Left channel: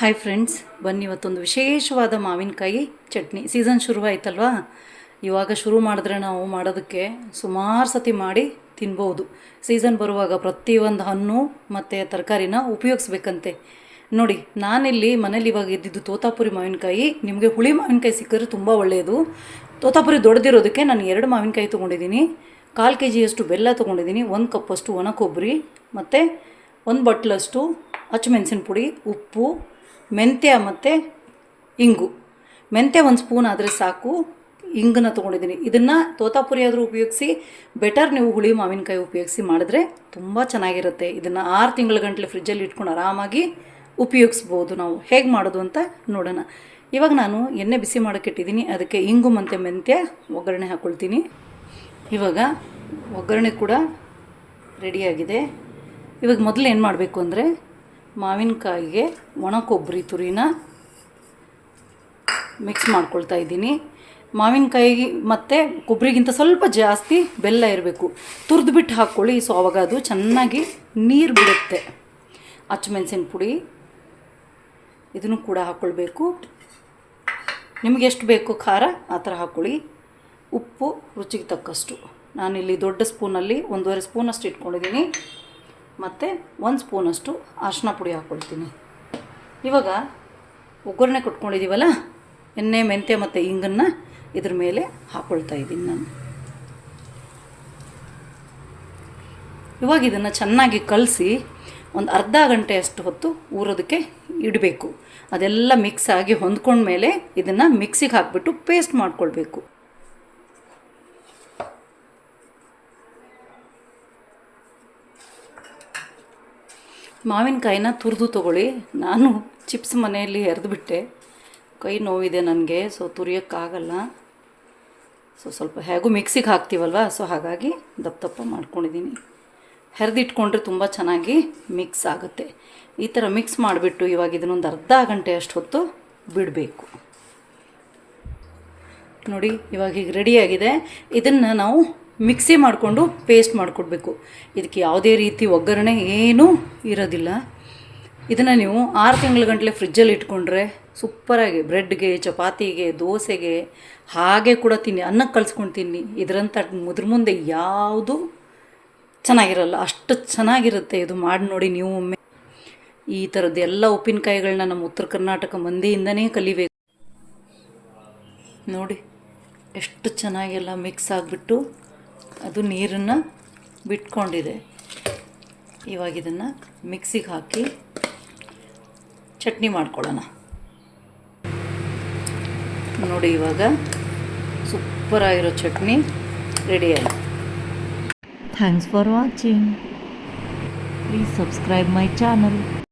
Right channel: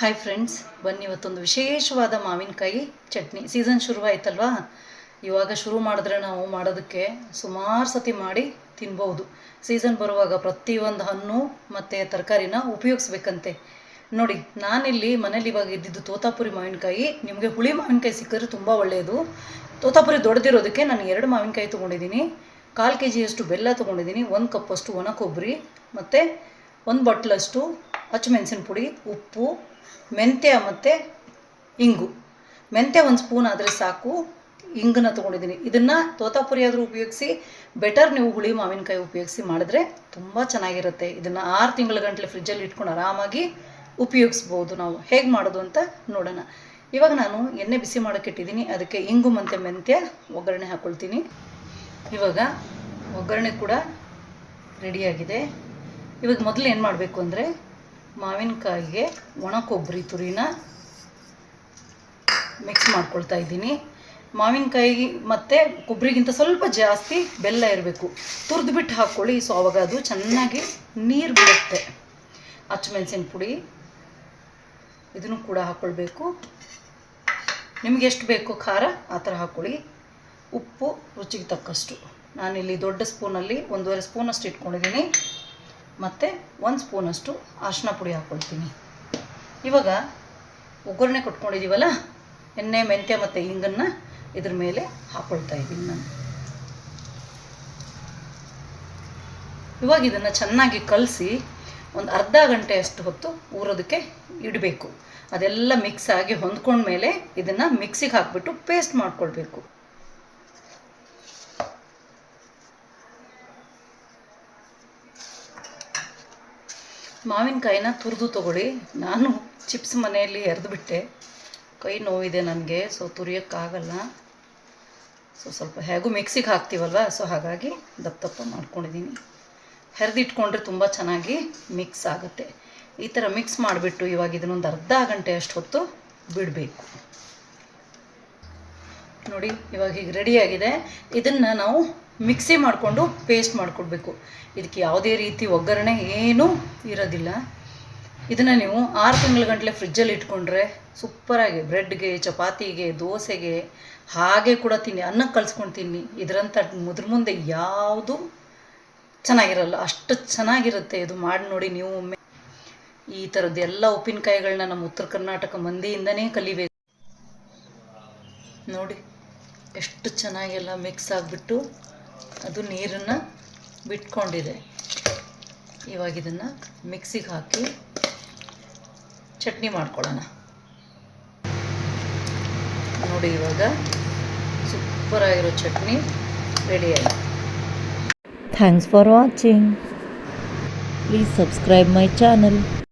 Hi friends, ಬನ್ನಿ ಇವತ್ತೊಂದು ವಿಶೇಷವಾದ ಮಾವಿನಕಾಯಿ ಚಟ್ನಿ. ಸೀಸನ್ ಶುರು ಆಯ್ತಲ್ವಾ, ಇವಾಗ ಶುರು ಮಾಡಿದ್ರೆ ನಾವು ಮಾಡೋದಕ್ಕೆ ಸುಮಾರು ಸತಿ ಮಾಡಿ ತಿನ್ಬೋದು. ಸೀಸನ್ ಬರುವಾಗ ಪ್ರತಿಯೊಂದು ಹಣ್ಣು ಮತ್ತು ತರಕಾರಿನ ಉಪಯೋಗಿಸ್ಬೇಕಂತೆ. ನೋಡಿ, ನಾನಿಲ್ಲಿ ಮನೇಲಿ ಇವಾಗ ಇದ್ದಿದ್ದು ತೋತಾಪುರಿ ಮಾವಿನಕಾಯಿ. ನಿಮಗೆ ಹುಳಿ ಮಾವಿನಕಾಯಿ ಸಿಕ್ಕಿದ್ರೆ ತುಂಬ ಒಳ್ಳೆಯದು. ತೋತಾಪುರಿ ದೊಡ್ಡದಿರೋದಕ್ಕೆ ನಾನು 2 ಮಾವಿನಕಾಯಿ ತೊಗೊಂಡಿದ್ದೀನಿ, 1/4 kg ಬೆಲ್ಲ ತೊಗೊಂಡಿದ್ದೀನಿ, 1 ಕಪ್ಪಷ್ಟು ಒಣ ಕೊಬ್ಬರಿ ಮತ್ತು 1 ಬಟ್ಲಷ್ಟು ಹಸಿಮೆಣಸಿನ ಪುಡಿ, ಉಪ್ಪು, ಮೆಂತ್ಯ ಮತ್ತು ಇಂಗು. ಮೆಂತ್ಯ 1 ಸ್ಪೂನ್ ಆದರೆ ಸಾಕು. ಇಂಗನ್ನ ತೊಗೊಂಡಿದ್ದೀನಿ. ಇದನ್ನು ತೋತಾಪುರಿ ಆದರೂ ಉಪಯೋಗಿಸಿ, ಬೆಟರ್ ನೀವು ಹುಳಿ ಮಾವಿನಕಾಯಿ ಉಪಯೋಗಿಸಿ ಮಾಡಿದ್ರೆ ತುಂಬ ಚೆನ್ನಾಗಿರುತ್ತೆ. ಇದನ್ನು 6 ತಿಂಗಳ ಗಂಟಲೆ ಫ್ರಿಜ್ಜಲ್ಲಿ ಇಟ್ಕೊಂಡು ಆರಾಮಾಗಿ ಉಪಯೋಗಿಸ್ಬೋದು. ನಾವು ಹೇಗೆ ಮಾಡೋದು ಅಂತ ನೋಡೋಣ. ಇವಾಗ ನಾನು ಎಣ್ಣೆ ಬಿಸಿ ಮಾಡೋಕ್ಕಿಟ್ಟಿದ್ದೀನಿ, ಅದಕ್ಕೆ ಇಂಗು ಮತ್ತು ಮೆಂತ್ಯ ಒಗ್ಗರಣೆ ಹಾಕ್ಕೊಳ್ತೀನಿ. ಇವಾಗ ಒಗ್ಗರಣೆ ಕೂಡ ರೆಡಿಯಾಗಿದೆ. ಇವಾಗ ಮೊದಲು ಏನು ಮಾಡಬೇಕು ಅಂದರೆ, ಮಾವಿನಕಾಯಿಗೆ ಒಣ ಕೊಬ್ಬರಿ ತುರಿನ ಮಿಕ್ಸ್ ಮಾಡ್ಕೊಳ್ತಾ ಇದ್ದೀನಿ. ಮಾವಿನಕಾಯಿ ಮತ್ತು ಕೊಬ್ಬರಿಗಿಂತ ಸ್ವಲ್ಪ ಜಾಸ್ತಿ ಬೆಲ್ಲ ಇರಬೇಕು. ತುರಿದ್ಬಿಟ್ಟು ಹಾಕ್ಕೊಳ್ಳಿ, ಸೊ ಆವಾಗ ಅದು ಚೆನ್ನಾಗಿ ನೀರು ಬಿಡುತ್ತೆ. ಹಸಿಮೆಣಸಿನ ಪುಡಿ ಇದನ್ನು ಕೂಡ ಹಾಕ್ಕೊಳ್ಬೇಕು. ನಿಮಗೆ ಎಷ್ಟು ಬೇಕು ಖಾರ ಆ ಥರ ಹಾಕ್ಕೊಳ್ಳಿ. ಉಪ್ಪು ರುಚಿಗೆ ತಕ್ಕಷ್ಟು. ನಾನಿಲ್ಲಿ ದೊಡ್ಡ ಸ್ಪೂನಲ್ಲಿ 1.5 ಸ್ಪೂನಷ್ಟು ಇಟ್ಕೊಂಡಿದ್ದೀನಿ ಮತ್ತು 1 ಸ್ಪೂನಷ್ಟು ಅರಿಶಿನ ಪುಡಿ ಹಾಕ್ಕೊಳ್ತೀನಿ. ಇವಾಗ ಒಗ್ಗರಣೆ ಕೊಟ್ಕೊಂಡಿದ್ದೀವಲ್ಲ, ಎಣ್ಣೆ, ಮೆಂತ್ಯ ಮತ್ತು ಇಂಗನ್ನು ಇದ್ರ ಮೇಲೆ ಹಾಕ್ಕೊಳ್ತಾ ಇದ್ದೀನಿ ನಾನು. ಇವಾಗ ಇದನ್ನು ಚೆನ್ನಾಗಿ ಕಲಸಿ ಒಂದು ಅರ್ಧ ಗಂಟೆ ಅಷ್ಟು ಹೊತ್ತು ಊರೋದಕ್ಕೆ ಇಡಬೇಕು. ಅದೆಲ್ಲ ಮಿಕ್ಸ್ ಆಗಿ ಹೊಂದ್ಕೊಂಡ್ಮೇಲೆ ಇದನ್ನು ಮಿಕ್ಸಿಗೆ ಹಾಕಿಬಿಟ್ಟು ಪೇಸ್ಟ್ ಮಾಡ್ಕೊಳ್ಬೇಕು. ಮಾವಿನಕಾಯಿನ ತುರಿದು ತೊಗೊಳ್ಳಿ. ನಾನು ಚಿಪ್ಸ್ ಮನೆಯಲ್ಲಿ ಎರೆದುಬಿಟ್ಟೆ, ಕೈ ನೋವಿದೆ ನನಗೆ, ಸೊ ತುರಿಯೋಕ್ಕಾಗಲ್ಲ. ಸೊ ಸ್ವಲ್ಪ ಹೇಗೂ ಮಿಕ್ಸಿಗೆ ಹಾಕ್ತೀವಲ್ವ, ಸೊ ಹಾಗಾಗಿ ದಪ್ಪ ಮಾಡ್ಕೊಂಡಿದ್ದೀನಿ. ಹೆರೆದಿಟ್ಕೊಂಡ್ರೆ ತುಂಬ ಚೆನ್ನಾಗಿ ಮಿಕ್ಸ್ ಆಗುತ್ತೆ. ಈ ಥರ ಮಿಕ್ಸ್ ಮಾಡಿಬಿಟ್ಟು ಇವಾಗ ಇದನ್ನೊಂದು ಅರ್ಧ ಗಂಟೆ ಅಷ್ಟು ಹೊತ್ತು ಬಿಡಬೇಕು. ನೋಡಿ, ಇವಾಗ ಹೀಗೆ ರೆಡಿಯಾಗಿದೆ. ಇದನ್ನು ನಾವು ಮಿಕ್ಸಿ ಮಾಡಿಕೊಂಡು ಪೇಸ್ಟ್ ಮಾಡಿಕೊಡ್ಬೇಕು. ಇದಕ್ಕೆ ಯಾವುದೇ ರೀತಿ ಒಗ್ಗರಣೆ ಏನೂ ಇರೋದಿಲ್ಲ. ಇದನ್ನು ನೀವು 6 ತಿಂಗಳ ಗಂಟಲೆ ಫ್ರಿಜ್ಜಲ್ಲಿ ಇಟ್ಕೊಂಡ್ರೆ ಸೂಪರಾಗಿ ಬ್ರೆಡ್ಗೆ, ಚಪಾತಿಗೆ, ದೋಸೆಗೆ ಹಾಗೆ ಕೂಡ ತಿನ್ನಿ, ಅನ್ನಕ್ಕೆ ಕಲಿಸ್ಕೊಂಡು ತಿನ್ನಿ. ಇದರಂಥ ಮುದ್ರ ಮುಂದೆ ಯಾವುದು ಚೆನ್ನಾಗಿರಲ್ಲ, ಅಷ್ಟು ಚೆನ್ನಾಗಿರುತ್ತೆ. ಇದು ಮಾಡಿ ನೋಡಿ ನೀವು ಒಮ್ಮೆ. ಈ ಥರದ್ದು ಎಲ್ಲ ಉಪ್ಪಿನಕಾಯಿಗಳನ್ನ ನಮ್ಮ ಉತ್ತರ ಕರ್ನಾಟಕ ಮಂದಿಯಿಂದನೇ ಕಲಿಬೇಕು. ನೋಡಿ ಎಷ್ಟು ಚೆನ್ನಾಗೆಲ್ಲ ಮಿಕ್ಸ್ ಆಗಿಬಿಟ್ಟು ಅದು ನೀರನ್ನು ಬಿಟ್ಕೊಂಡಿದೆ. ಇವಾಗ ಇದನ್ನು ಮಿಕ್ಸಿಗೆ ಹಾಕಿ ಚಟ್ನಿ ಮಾಡ್ಕೊಳ್ಳೋಣ. ನೋಡಿ, ಇವಾಗ ಸೂಪರಾಗಿರೋ ಚಟ್ನಿ ರೆಡಿ ಆಯಿತು. Thanks for watching. Please subscribe my channel.